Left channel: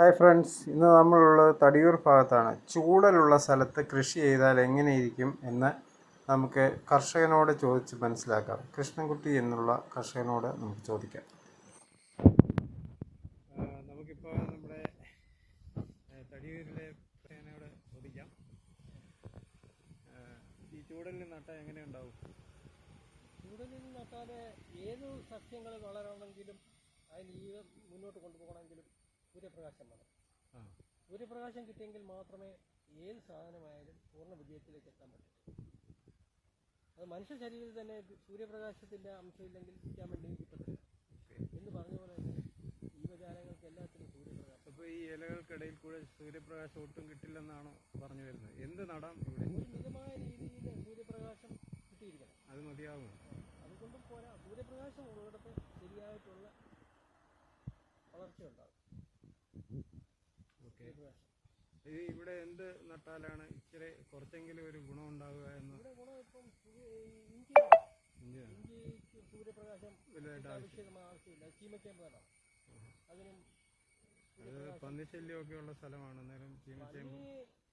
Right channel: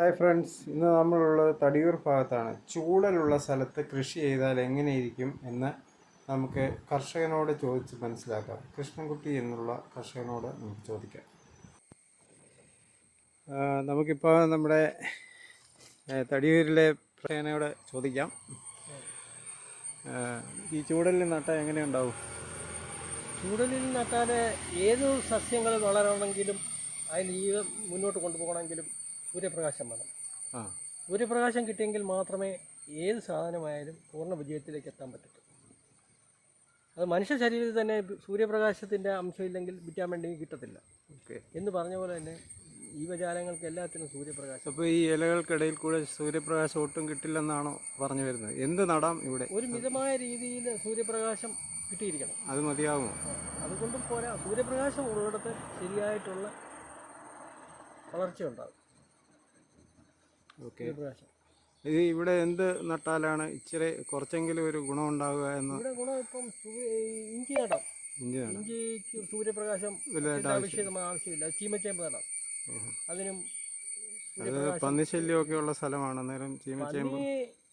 Hi friends, ഇന്ന് നമ്മളുള്ളത് തടിയൂർ ഭാഗത്താണ്. ചൂടലുള്ള സ്ഥലത്ത് കൃഷി ചെയ്താൽ എങ്ങനെയിരിക്കും എന്ന് നമുക്ക് കർഷകനോട് ചോദിച്ച് മനസ്സിലാക്കാം. കൃഷ്ണൻകുട്ടി എന്നുള്ള കർഷകനോട് നമുക്ക് ചോദിക്കാം. നമുക്കിപ്പോൾ നമ്മുടെ തടിയൂരിലെ കർഷകനോട് ചോദിക്കാം. ഈ ചൂടലിൽ നട്ടാൽ എങ്ങനെയുണ്ടാവും? ചൂടലിൽ നട്ടാൽ ഏത് സസ്യങ്ങൾ വളരണമെങ്കിലും അതിന് ഈ മുന്നോട്ട് കൊണ്ടുപോകണമെങ്കിലും സൂര്യപ്രകാശം വേണം. സൂര്യപ്രകാശം കിട്ടിയെങ്കിൽ മാത്രമേ ഏത് സാധനമായാലും പൂർണ്ണ വിജയത്തിലേക്ക് എത്താൻ പറ്റൂ. അത് മനുഷ്യ ശരീരത്തിൽ തന്നെ സൂര്യപ്രകാശത്തിൻ്റെ അംശമില്ലെങ്കിൽ വിറ്റാമിൻ ഡി കിട്ടത്തില്ല എന്ന് പറഞ്ഞ പോലെ തന്നെ ജീവജാലങ്ങൾക്ക് എല്ലാത്തിനും സൂര്യപ്രകാശം. അപ്പോൾ ഈ ഇലകൾക്കിടയിൽ കൂടെ സൂര്യപ്രകാശം ഒട്ടും കിട്ടില്ലെന്നാണോ പറഞ്ഞു വരുന്നത്? എന്ത് നടാം ഇവിടെ? ഒരു മിതമായ രീതിയിൽ സൂര്യപ്രകാശം കിട്ടിയിരിക്കണം. അത് മതിയാകുമോ? അതുകൊണ്ടും പോരാ, സൂര്യപ്രകാശം ഉള്ളിടത്ത് ശരിയായിട്ടുള്ള വളർച്ച ഉണ്ടാകും. ഓക്കെ, ഇത് ഇവിടെ എന്ത് നട്ടാലാണ് ഇച്ചിരി കുറച്ചെങ്കിലും ഒരു ഗുണം ഉണ്ടാവുക എന്ന്? ഇവിടെ ഗുണം ഇപ്പം ഇഞ്ചി നടാം. ഇഞ്ചിക്ക് സൂര്യപ്രകാശം ആവശ്യമില്ല. ചീമച്ചേമ്പ് നടാം. അതിനും പന്നിശല്യമൊക്കെ ഉള്ള സ്ഥലമാണ്. അന്നേരം ചീമച്ചേമ്പ്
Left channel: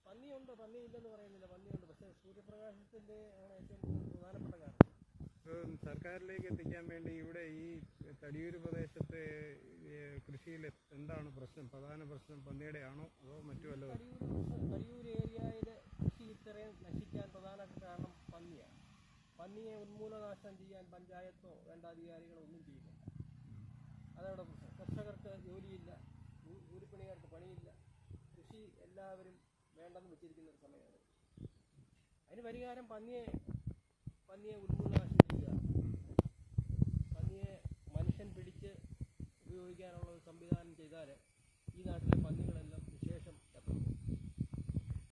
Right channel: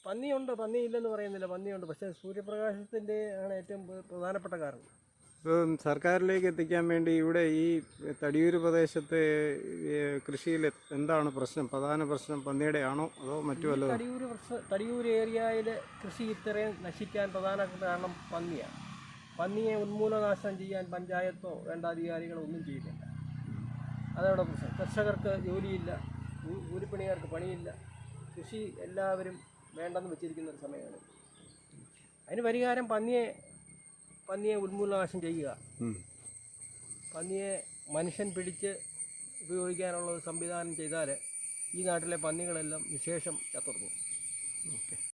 പന്നിയുണ്ട്, പന്നിയില്ലെന്ന് പറയുന്നില്ല, പന്നിയുണ്ട്. പക്ഷേ സൂര്യപ്രകാശത്തിൻ്റെ ആണ് ഏറ്റവും പ്രധാനപ്പെട്ട കാരണം. ഇപ്പം സർക്കാരിലേക്ക് എത്തിക്കാൻ വേണ്ടി ഇവിടെ ഈ തടിയൂർ പ്രദേശത്തെ കൃഷിയിൽ എന്താണ് പ്രശ്നം? പ്രധാന പ്രശ്നം പന്നിയുടെ ആണോ അതോ മറ്റു വല്ലതും? തടിയൂർ ഏരിയയിൽ കൃഷി ഇത്രയും നശിക്കാൻ പ്രധാന കാരണം പന്നിയാണ്. പന്നിയെ ഉന്മൂലനാശനം ചെയ്യാൻ പഞ്ചായത്തോ വേണ്ടാധികാരികളോ ഒന്നും ചെയ്യുന്നില്ല. അതവിടെ പ്രശ്നം. കർഷകർക്ക് ജോലിയില്ല, കൂലിപ്പണിക്കാർക്ക് പണിയില്ല. കൃഷി എല്ലാവരും വേണ്ടെന്ന് വെച്ചിരിക്കുന്ന ഒരു സമയമാണ്. അതിന് പരിഹാരം പന്നിയെ ഉന്മൂലനാശം ചെയ്യുക. പന്നിയെ മനുഷ്യൻ പിടിച്ച് ഉപയോഗിക്കാനുള്ള ഒരു സംവിധാനം ചെയ്താൽ ഈ നാട്ടിലെ പന്നികളെല്ലാം വിശേഷം ചത്തുപോകും.